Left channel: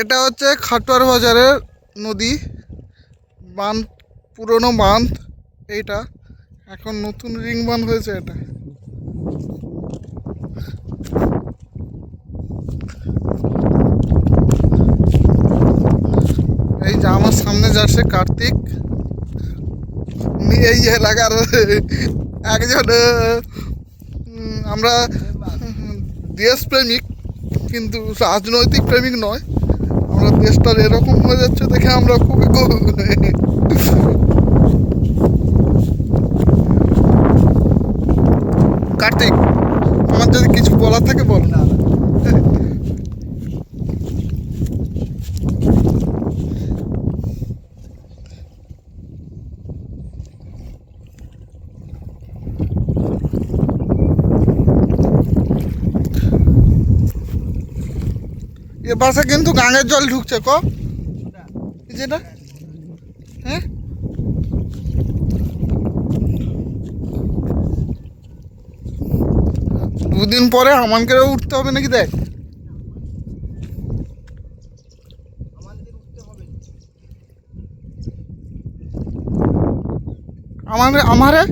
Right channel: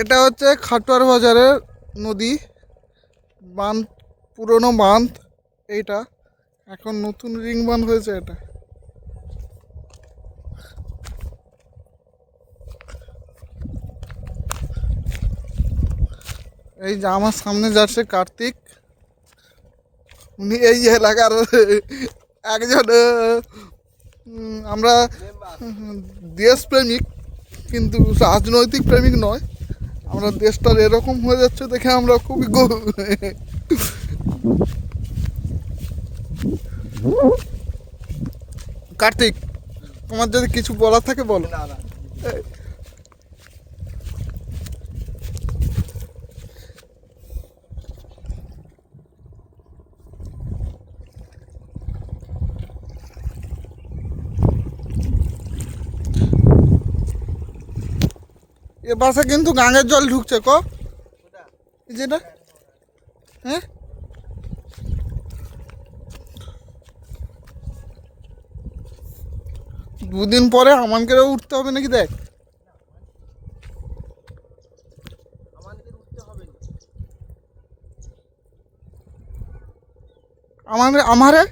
এটা হচ্ছে খাটোয়ার বাজারের নদী বাঁধ, পুরনো বাঁধ এইটা। এখন নতুন রিং বাঁধ হয়েছে এটা। এই যে আমার সামনে যাচ্ছে কার্তিক, উনি এই এলাকার একজন আমরা দেশপ্রেমিক, কিন্তু রাজনৈতিক প্রেমিক নয়। আমরা দেশটার এরকম হয়ে যাচ্ছে দেখে আমরা খুবই কার্তিক, আমার যদি কিছু বলার থাকে বল। না না, এ বাসে কিন্তু গাঙের জল ঢুকছে যেটা, হ্যাঁ দুদিন পরে আমানকেও উঠতে হবে নাকি দেখ। আমাদের উঠতে হবে না। আমারে আমারে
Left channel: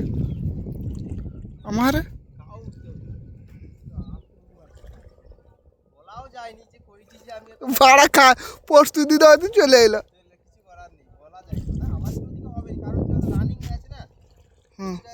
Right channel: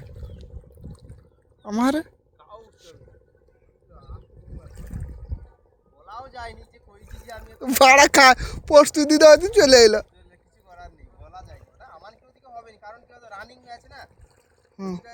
আমারে তাও উঠতে হবে। বলাও যায়নি যে কইছি যে আমি ভাড়া খা প্রস্তুতি দেওয়াতে চলে এলো। কিছু করার নেই, বলা যায় না। আমার কেউ দিকে হবে না, কারণ কেউ রানিং আছে না। হুম। এটা